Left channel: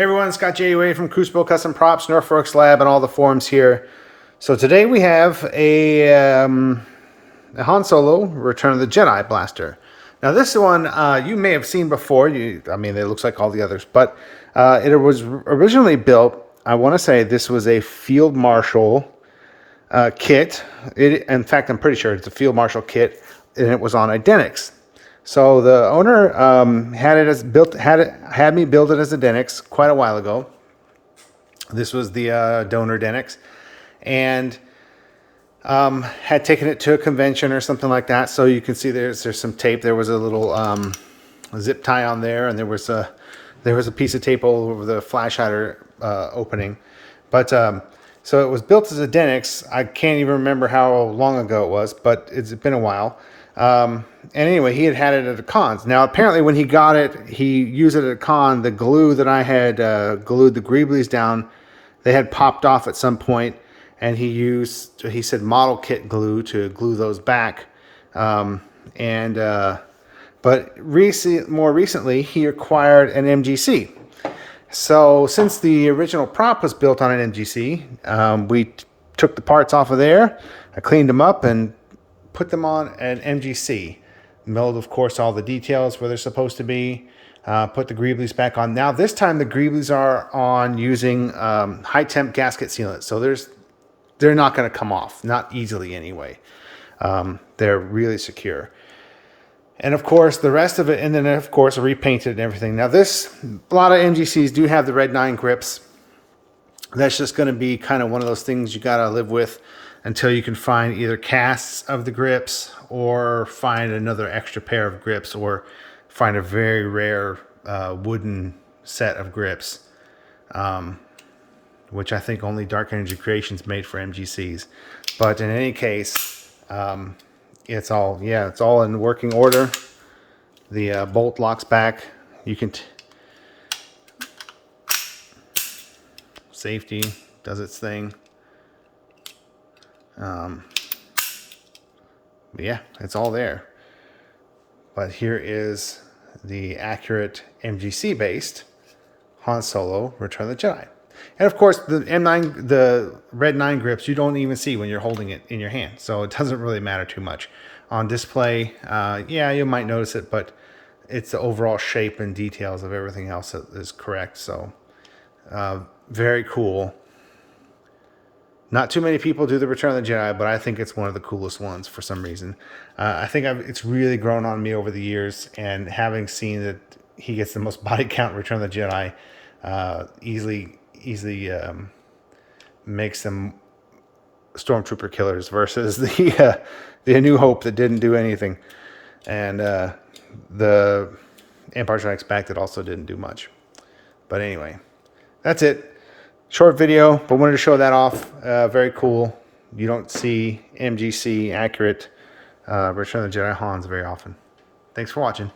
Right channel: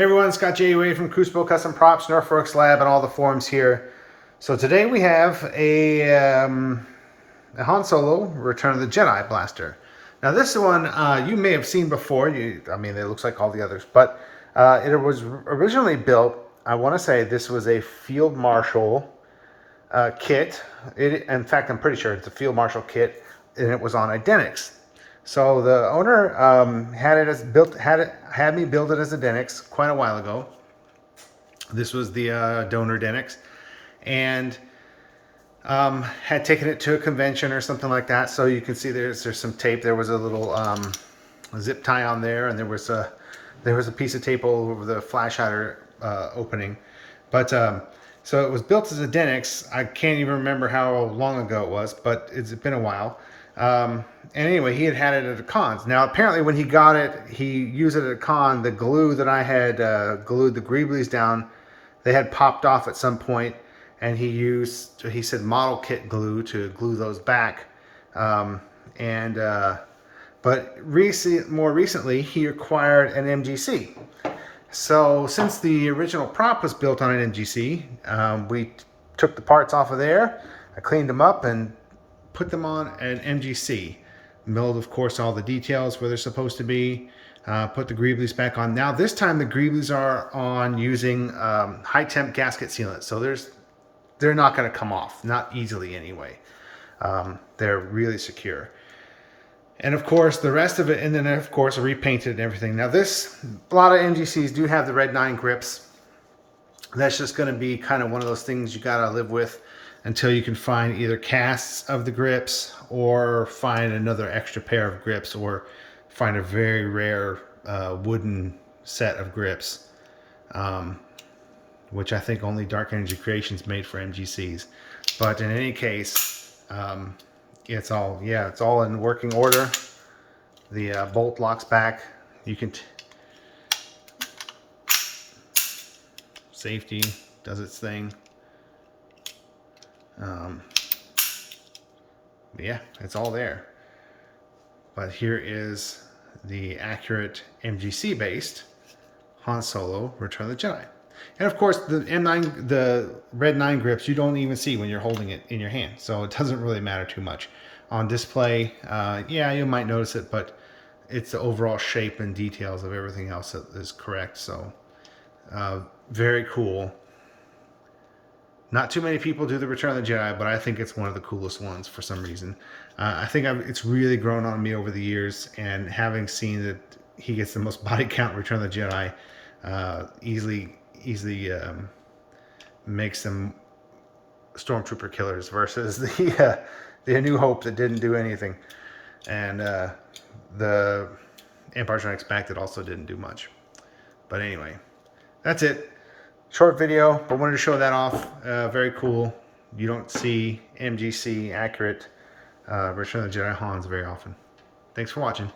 Hey everyone, Scott J. from Crucible Custom Props, Northforks Lab, and all the forums here. So today we have a Han Solo Return of the Jedi blaster. Now this one you may have seen before. I mean, it looks like all the others, but it was originally built. I want to say this was a Field Marshal kit. In fact, I'm pretty sure it's a Field Marshal kit, and it was on Idenix. So the owner had me build it as a Denix quite a while ago. This was the donor Denix, and had taken it to a convention or something like that. So you can see there's some tape. There was a little zip tie on there, and there was a piece of tape all over the flash hider opening. But so it was built as a Denix. I can't even remember how long ago it was, but it's been a while. And anyway, he had it at a con. Now, apparently when he got it, he used it at a con. The glue that I had glued the greeblies down, they had popped off at some point, and he said model kit glue to glue those back. But more recently, he acquired an MGC. So since the original prop was built on an MGC, we took the parts off of there. I cleaned them up and put them on an MGC. Milled, of course, all the details where they're supposed to be. Put the greeblies back on. Now this time the greeblies are on using high temp gasket sealant. So they're not going to come off, not easily anyway. They're really secure. And of course the rest of it, and then of course repainted and everything. Now a lot of MGCs do have the red 9 grips. That's just going to be kind of one of those things you got to live with until you can find either casts of the grips or find another extra pair of grips or find a very rare wooden set of grips, which I think only Dark Energy Creations made for MGCs. But in any case, it's all in working order. The bolt locks back. You can safety does its thing. Yeah, it's all there. But here is the accurate MGC based Han Solo Return of the Jedi. And of course the M9, the red 9 grips, you don't even see when you're holding it in your hand. So it doesn't really matter too much. On display, yeah, you might notice it, but it's the overall shape and details of everything else that is correct. So very cool. Not too many people do the Return of the Jedi, but I think it's one of the coolest ones for some reason. I think it's really grown on me over the years, and having seen that he gets the most body count Return of the Jedi, easily makes them Stormtrooper killers versus the A New Hope that didn't do anything, and the Empire Strikes Back that also didn't do much. But anyway, that's it. Short video, but wanted to show that off. Very cool. You don't see MGC accurate Return of the Jedi Hans very often. Thanks for watching.